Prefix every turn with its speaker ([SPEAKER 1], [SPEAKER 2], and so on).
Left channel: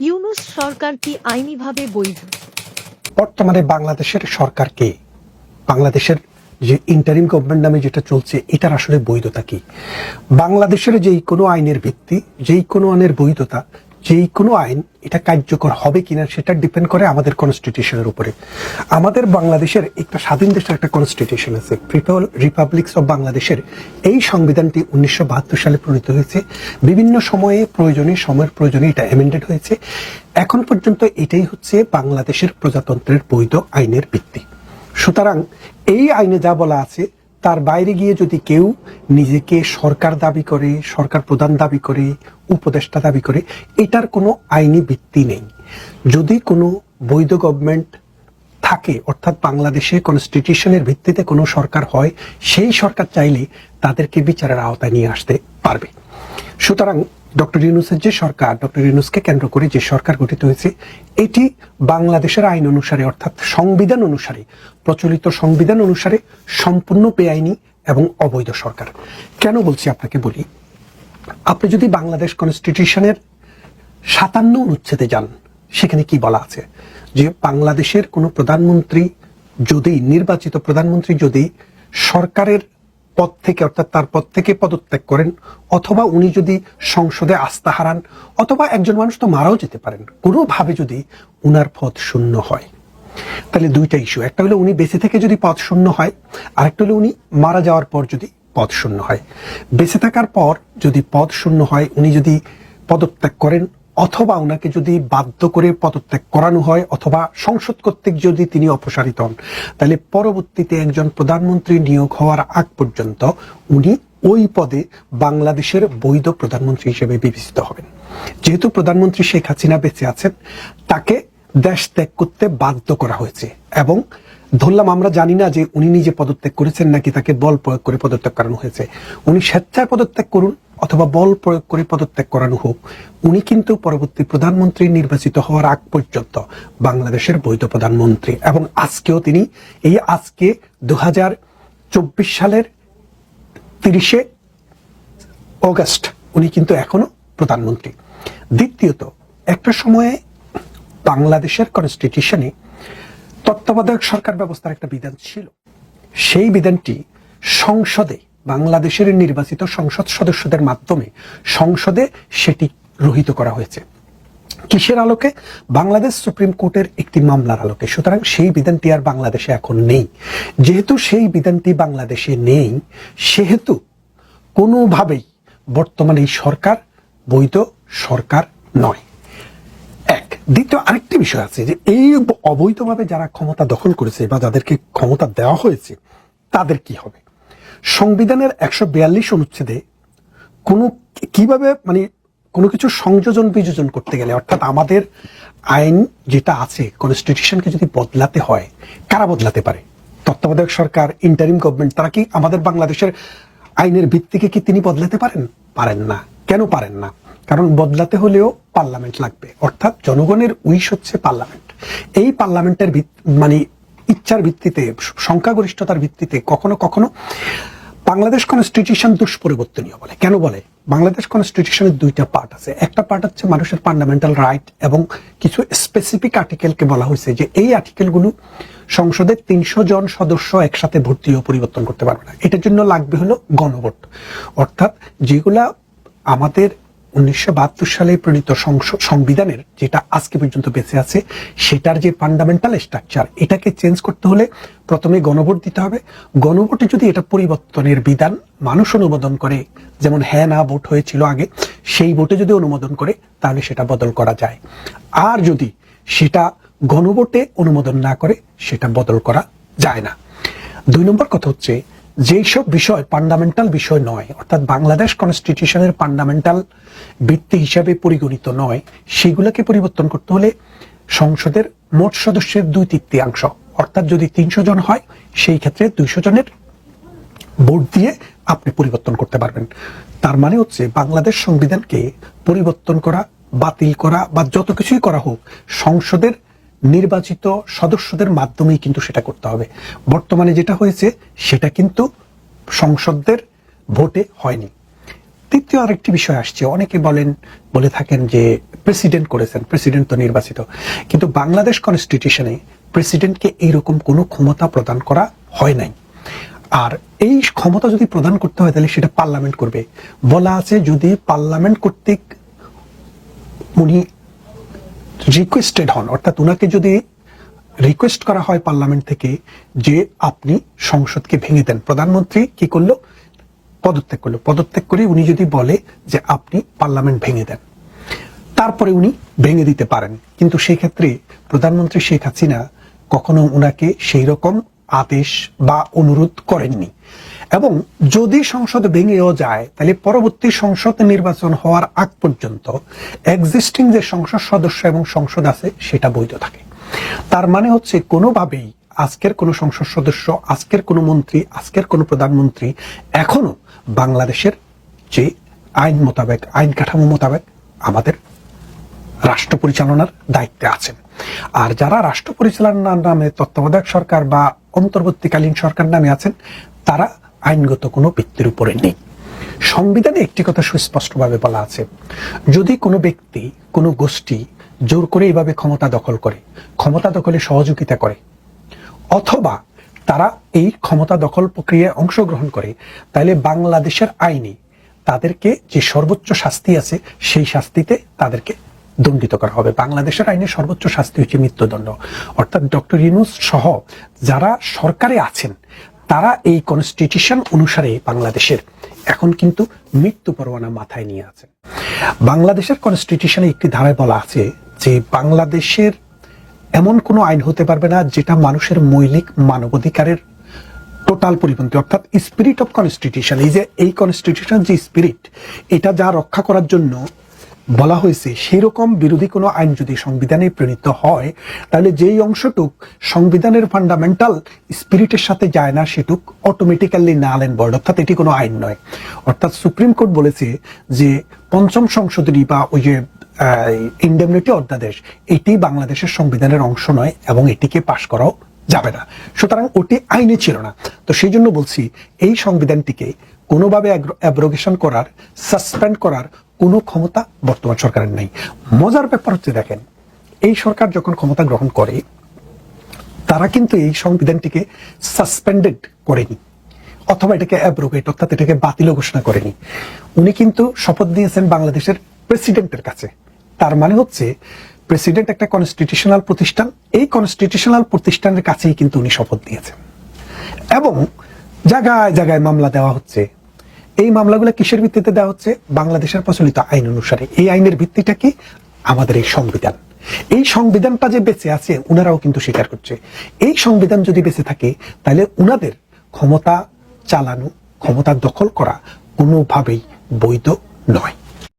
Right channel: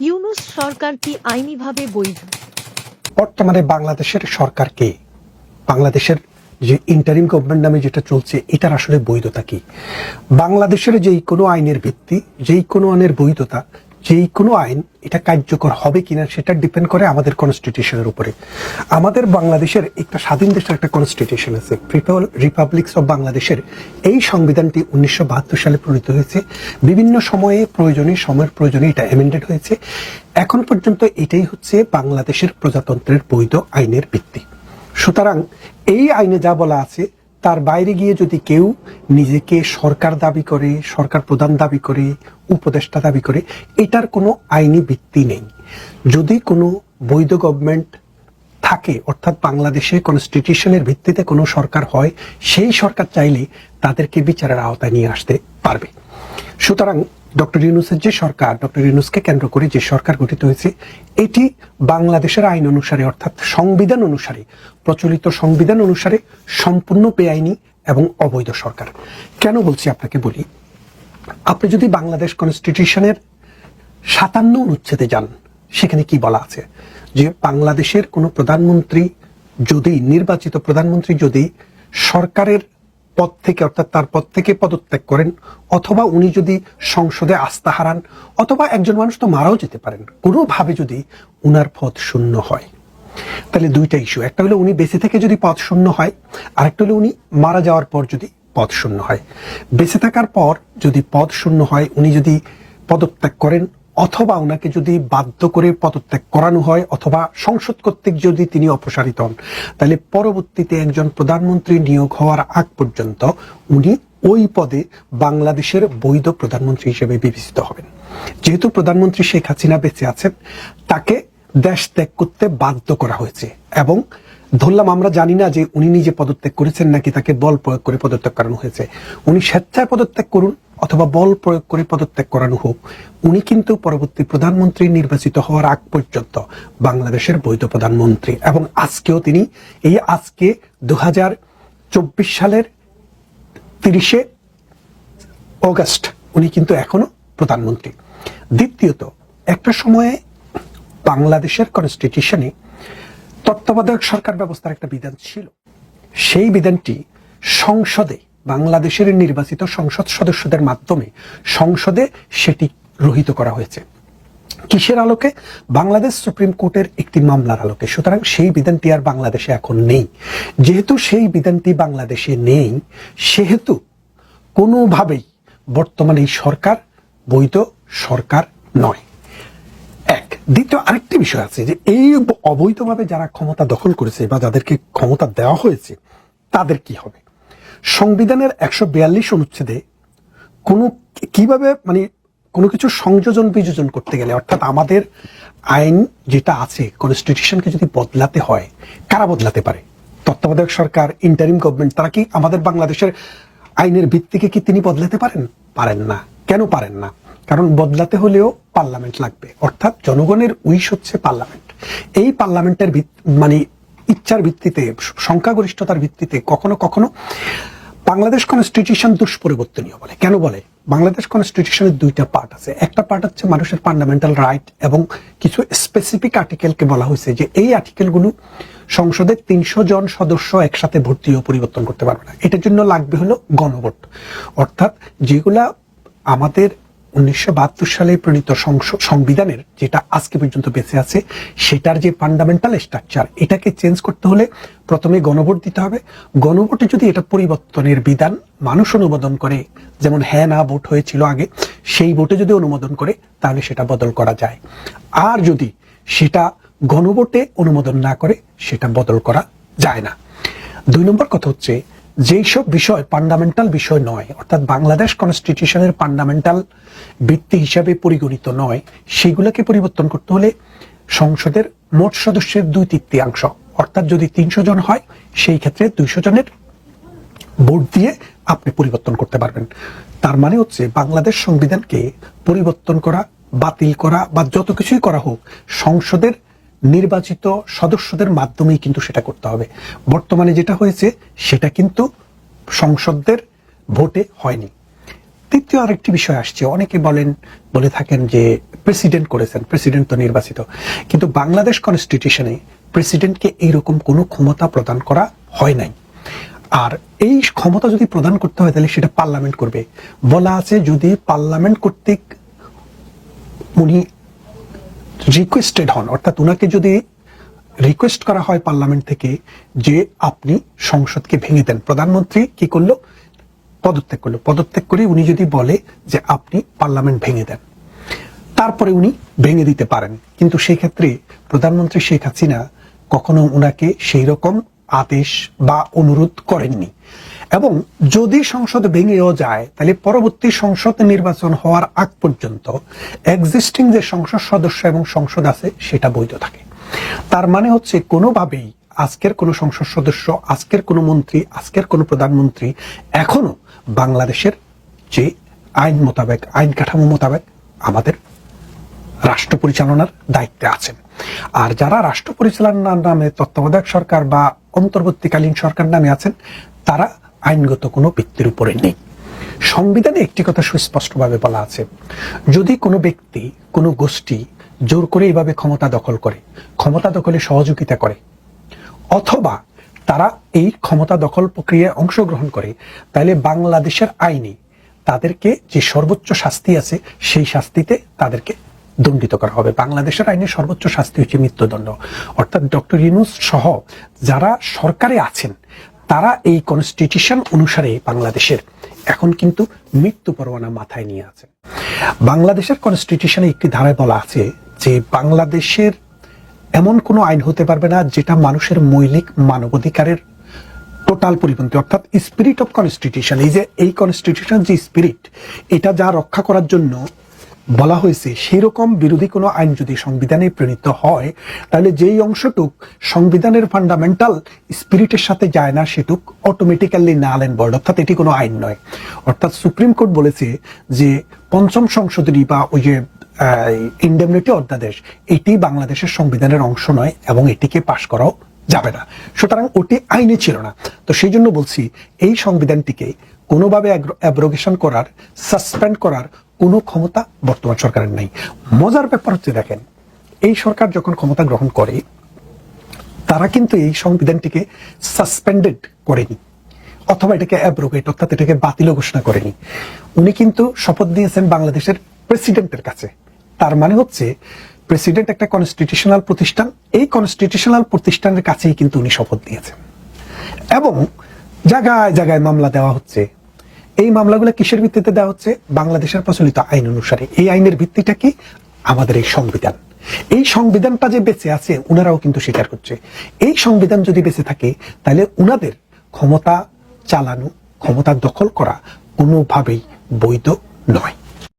[SPEAKER 1] ইউনুস সরকার কি আইনিভাবে বৈধ?
[SPEAKER 2] বর্তমানে বাংলাদেশের সরকার কে? বাংলাদেশের যে ইন্টারিম গভর্নমেন্ট নামে যেটা চলছে, এটার আসলে বৈধতা কি? বাংলাদেশের যেই কোনো আইনের ভিত্তি, যেই কোনো আইনের বৈধতা যেই কোনো আইন এটা কার্যকর হবে কিনা সেটা ডিপেন্ড করে আমাদের কনস্টিটিউশনের উপরে। আমাদের বাংলাদেশের একটা স্বাধীন দেশের একটা কনস্টিটিউশন আছে। পিপল রিপাবলিক্স অফ বাংলাদেশের এই সংবিধানটি উনিশশো বাহাত্তর সালে প্রণীত হয়েছে। বিভিন্ন সময়ে প্রয়োজনে, সময়ের প্রয়োজনে এটা অ্যামেন্ডেড হয়েছে। এখন পর্যন্ত এটাই হচ্ছে বাংলাদেশের প্রজাতন্ত্রের বৈধ আইনের ভিত্তি। সুতরাং এই আইনে যা বলা আছে তার বাইরে গিয়ে যদি কেউ নিজেকে সরকার দাবি করে, সরকার প্রধান দাবি করে, উপদেষ্টা দাবি করে, এটার কোনো আইনি ভিত্তি নেই। যদি কোনো বৈধ গভর্নমেন্ট থাকে, অর্থাৎ বাংলাদেশে কনস্টিটিউশনের ভিত্তিতে কোনো সরকার হয়, সেই সরকার চাইলে তাদেরকে বিচারের আওতায় নিয়ে আসতে পারবে। সুতরাং ডক্টর ইউনুসের যে সরকার। ডক্টর ইউনুসকে কেন্দ্র করে যে সরকার গঠিত হয়েছে, এটি বাংলাদেশের আইন অনুসারে, অর্থাৎ সংবিধান অনুসারে, প্রচলিত সংবিধান অনুসারে সম্পূর্ণ বেআইনি এবং অবৈধ সরকার। কেন বলছি আপনাকে বলি? আপনি যদি বাংলাদেশ কনস্টিটিউশনের সাতান্ন অনুচ্ছেদে যান, সেখানে কি বলা আছে? যে বাংলাদেশের কোনো প্রধানমন্ত্রী যদি, নির্বাচিত প্রধানমন্ত্রী যদি সরকারের পদ থেকে, অর্থাৎ তার পদ থেকে পদত্যাগ করেন, অথবা উনি যদি সংসদে আস্থা হারান, অথবা একজন মানুষ তো মারাও যেতে পারেন কোনোভাবে যদি উনার পদ শূন্য হয়। তাহলে দুইটা ইস্যু একটা হলো উনি বেঁচে থেকে যদি পদ শূন্য হয় আর একটা হলো উনি মারা যাওয়ার পর যদি পদ শূন্য হয়। বেঁচে থাকার পর যদি পদ শূন্য হয়, উনি যদি পদত্যাগ করেন অথবা ওনাকে যদি বাধ্য করে পদত্যাগ করানো হয়, অথবা সংসদ কর্তৃক যদি তিনি অপসারিত হন, তাহলে পরবর্তীতে একজন প্রধানমন্ত্রী নিয়োগ হওয়ার আগ পর্যন্ত উনি ওই পদে বাংলাদেশের বৈধ প্রধানমন্ত্রী হিসেবে বিবেচিত হবেন। যেহেতু প্রধানমন্ত্রী শেখ হাসিনা বেঁচে আছেন, তাকে দেশ ত্যাগ করতে বাধ্য করা হয়েছে এবং ধরলাম, আমরা জানি না যে উনি নিজে পদত্যাগ করেছেন নাকি তাকে বল প্রয়োগ করে পদত্যাগ করানো হয়েছে। উনি স্বেচ্ছায় পদত্যাগ করুন অথবা বল প্রয়োগ করে পদত্যাগ করানো হোক। উনি কিন্তু পরবর্তী প্রধানমন্ত্রী নির্বাচিত হওয়ার আগ পর্যন্ত বাংলাদেশের বৈধ প্রধানমন্ত্রী এবং আজকেও তিনি এই আজকে দু চব্বিশ সালের তিরিশে অগস্ট উনি কিন্তু এখনও প্রধানমন্ত্রী। দ্বিতীয়ত, একটা সময়ে বাংলাদেশের কনস্টিটিউশনে তত্ত্বাবধায়ক সরকার ব্যবস্থার একটা বিধান ছিল। সেই বিধানটি সংসদে, বাংলাদেশের নির্বাচিত সংসদ সদস্যদের মাধ্যমে সংসদে সেটি রহিত করা হয়েছে। কিসের আলোকে? বাংলাদেশ সুপ্রিম কোর্টের একটি মামলার আলোকে। সুতরাং সেই বিধানটি আর বাংলাদেশে এখন নেই। যেহেতু সেই বিধানটি বাংলাদেশে নেই, সেহেতু কোনোভাবেই বর্তমানে এই সরকার বৈধ সরকার নয়। দ্বিতীয় আরেকটি বিষয় আছে যে এই অবৈধভাবে যারা ক্ষমতা দখল করেছে বা যাদেরকে ক্ষমতা দেওয়া হয়েছে, তাদের কি হবে? সংবিধানের একশো বিয়াল্লিশ অনুচ্ছেদে কোন কীভাবে মানে কোনো কিছু সংযোজন বিযোজন করতে গেলে, অর্থাৎ আমাদের আইন যেটা আছে কনস্টিটিউশনকে যদি বদলাতে হয়, কারা বদলাতে পারে? তত্ত্বাবধায়ক সরকার ইন্টারিম গভর্নমেন্ট তারা কি আমাদের বাংলাদেশের আইনের ভিত্তিকে কি তিনি বদলাতে পারেন? পারেন না। কেন পারেন না? কারণ বদলাতে হলেও পার্লামেন্ট লাগবে। অর্থাৎ জনগণের উইশ হচ্ছে পার্লামেন্ট। এই পার্লামেন্টের মানে ইচ্ছার ভিত্তিতে, সংখ্যাগরিষ্ঠতার ভিত্তিতে কখনো কখনো বাংলাদেশ কনস্টিটিউশন দুষ্পরিবর্তনীয় বলে। কেন বলে? বাংলাদেশ কনস্টিটিউশনের দুইটা পার্ট আছে। একটা পার্ট হচ্ছে মানুষের ফান্ডামেন্টাল রাইট এবং কিছু স্পেসিফিক আর্টিকেলকে বলা হয়েছে যে এই আর্টিকেলগুলো সংসদের তিনশো জন সদস্য একসাথে ভোট দিয়েও পরিবর্তন করতে পারবে না। এটার জন্য লাগবে হলো গণভোট। অর্থাৎ যেগুলা আমাদের উনিশশো বাহাত্তর সালে প্রণীত সংস- সংবিধানের যেটা আজকে পর্যন্ত বেঁচে আছে, সেটার যে ফান্ডামেন্টাল স্ট্রাকচার এটাকে চেঞ্জ করতে হলে প্রথমে গণভোট দিতে হবে। গণভোটে যদি এটা পরিবর্তনের বিধান মানুষ অনুমোদন করে, যেমন হ্যাঁ না, ভোট হয়েছিল আগে, সেই ভোটে যদি অনুমোদন করে, তাহলে সেটা বদল করা যায়। আর যদি সেটা গণভোটে অনুমোদন না করে, সেটা বদল করা যায় না। দুই নম্বর কথা হচ্ছে যেই সব বিষয় ফান্ডামেন্টাল বিষয় নয়, অর্থাৎ বাংলাদেশ কনস্টিটিউশনের ফান্ডামেন্টাল ভিত্তি হিসাবে পরিগণিত নয়, সেগুলোকে পরিবর্তন করতে হলে সংসদের মোট সদস্যের দুই তৃতীয়াংশ, অর্থাৎ যদি তিনশো জন হয়, সেই ক্ষেত্রে দুইশো জনের ভোট দিয়ে আপনি পরিবর্তন করতে পারবেন। তার মানে হচ্ছে বাংলাদেশ সংবিধানকে পরিবর্তন করা, বাতিল করা বা যত কিছুই করা হোক, সংসদের নির্বাচিত সদস্যদের মাধ্যমেই কিন্তু সেটা করতে হবে। বর্তমানে যেটা হয়েছে, সেটা কিন্তু সংসদের ভোটে হয়নি। তৃতীয় আরেকটি বিষয় আসছে। অনেকে বলেন, বলে থাকেন যে প্রেসিডেন্ট করেছেন, প্রেসিডেন্ট তো নির্বাচিত। কিন্তু বাংলাদেশ কনস্টিটিউশনে প্রেসিডেন্টকে এইরকম কোনো ক্ষমতা প্রদান করা হয় নাই। আর এই ক্ষমতা যদি প্রদান করতে হয়, তাহলে সেটা পার্লামেন্ট করবে। বলা আছে যদি পার্লামেন্ট কর্তৃক উনি রিকোয়েস্টেড হন। অর্থাৎ ওনাকে যদি রিকোয়েস্ট করা হয় পার্লামেন্ট থেকে যে আপনি সংসদকে ভেঙে দেন, প্রধানমন্ত্রী কি করল? পদত্যাগ করল। পদত্যাগ করে উনি যদি বলে যে আপনি পার্লামেন্ট ভেঙে দেন, তারপরে উনি ভেঙে দিতে পারেন। কিন্তু সেই ক্ষেত্রে প্রধানমন্ত্রী শেখ হাসিনা কখনো উনাকে সেই রকম আদেশ বা অনুরোধ করেননি। এবং যদি সংসদ ভেঙেও যায়, তাহলে পরবর্তী সংসদ নির্বাচন হওয়ার আগ পর্যন্ত এক্সিস্টিং যে সংসদ সদস্য এবং সংসদ আছে, সেটা বৈধ থাকে। তার মানে হচ্ছে কোনোভাবেই আজকের কোন সংসদ সদস্য, আজকের কোন মন্ত্রী, আজকের কোন প্রধানমন্ত্রী এখনও বাংলাদেশের যে আইন মোতাবেক, আইন কাঠামো মোতাবেক আমাদের রাষ্ট্র পরিচালনার দায়িত্বে আছেন। আর যারা রাষ্ট্র পরিচালনার নামে তত্ত্বাবধায়ক সরকার বা অন্তর্বর্তীকালীন সরকার নামে আছেন, তারা আইনগত কোনো ব্যক্তির উপরে নেই। সংবিধানে একটি কথা সুস্পষ্টভাবে বলা আছে। যদি কোনো ব্যক্তি, কোনো গোষ্ঠী জোর করে এইভাবে ক্ষমতা দখল করে, ক্ষমতা দখলে সহযোগিতা করে, অথবা তারা এই ক্ষমতা দখল প্রক্রিয়ায় অংশগ্রহণ করে, তাহলে বাংলাদেশের আইনে তাদেরকে যে সর্বোচ্চ শাস্তি আছে, সেই শাস্তিতে তাদেরকে দণ্ডিত করা হবে। বাংলাদেশের আইনে সর্বোচ্চ শাস্তি হচ্ছে মৃত্যুদণ্ড। অর্থাৎ ডক্টর ইউনুস সহ যারা সরকারে আছেন তারা এই কনস্টিটিউশন অনুসারে বাংলাদেশের। এখন কিন্তু মৃত্যু পরোয়ানা মাথায় নিয়ে আছে। বাংলাদেশের কনস্টিটিউশনে একটি ধারায় বলা আছে যে বাংলাদেশের এমন কোনো আইন হতে পারবে না যেটা মানুষের মৌলিক মানবাধিকারের টোটাল পরিপন্থী, অর্থাৎ স্পিরিট অফ কনস্টিটিউশন এই যে এই কনস্টিটিউশন যে স্পিরিট এটা যা রক্ষা করার জন্য বলা হয়েছে সেই রকম বিরোধী কোনো আইন যদি সংবিধানে প্রণীত হয়, তাহলে যেই অংশটুক সংবিধানের ফান্ডামেন্টাল স্পিরিটের সাথে যায় না, সেটুক অটোমেটিক্যালি না আইন বর্ড অর্থাৎ এটি কোনো আইন নয়। অর্থাৎ সুপ্রিম কোর্ট বলেছে যে, পঞ্চম সংশোধনী বা ওই যে ইন্ডেমনিটি অধ্যাদেশ, এটি বাংলাদেশের সংবিধানের অংশ নয় এবং এটিকে পাশ করাও যাবে না। সুতরাং এটি আইনি ছিল না। তো সেই জন্য বলছি, এই সংবিধানটিকে কোনোভাবে অ্যাব্রোগেশন করার সাসপেন্ড করার কোনো ক্ষমতা বর্তমান সরকারের নেই। মজার ব্যাপার হচ্ছে, দেখুন, এই সরকার যখন ক্ষমতা গ্রহণ করে, তারা কিন্তু এই সংবিধানটিকে সাসপেন্ডেড করেনি, অথবা এটাকে অ্যাব্রোগেট অর্থাৎ এটাকে বাতিল ঘোষণা করেনি। উনি কিন্তু শপথ দিয়েছেন বাংলাদেশের প্রেসিডেন্টের কাছে। তার মানে হচ্ছে প্রেসিডেন্ট একটা কনস্টিটিউশনাল প্রতিষ্ঠান, এই কনস্টিটিউশনাল প্রতিষ্ঠানের কাছেই কিন্তু উনি শপথ দিয়েছেন। এবং জায়গায় জায়গায় মামলা দেওয়া হচ্ছে। এই মামলাগুলো কিসের ভিত্তিতে দেওয়া হচ্ছে? বাংলাদেশের প্রচলিত আইন অনুসারে। এই আইনের ভিত্তিটা কি? আমাদের এই সংবিধান। এই সংবিধানটা যে বেঁচে আছে ওনারাও কিন্তু স্বীকার করছে। এই সংবিধান যদি বেঁচে থাকে, তাহলে ওনাদের ক্ষমতা চালানো, ক্ষমতা দখল করা কোনোভাবেই বৈধ নয়।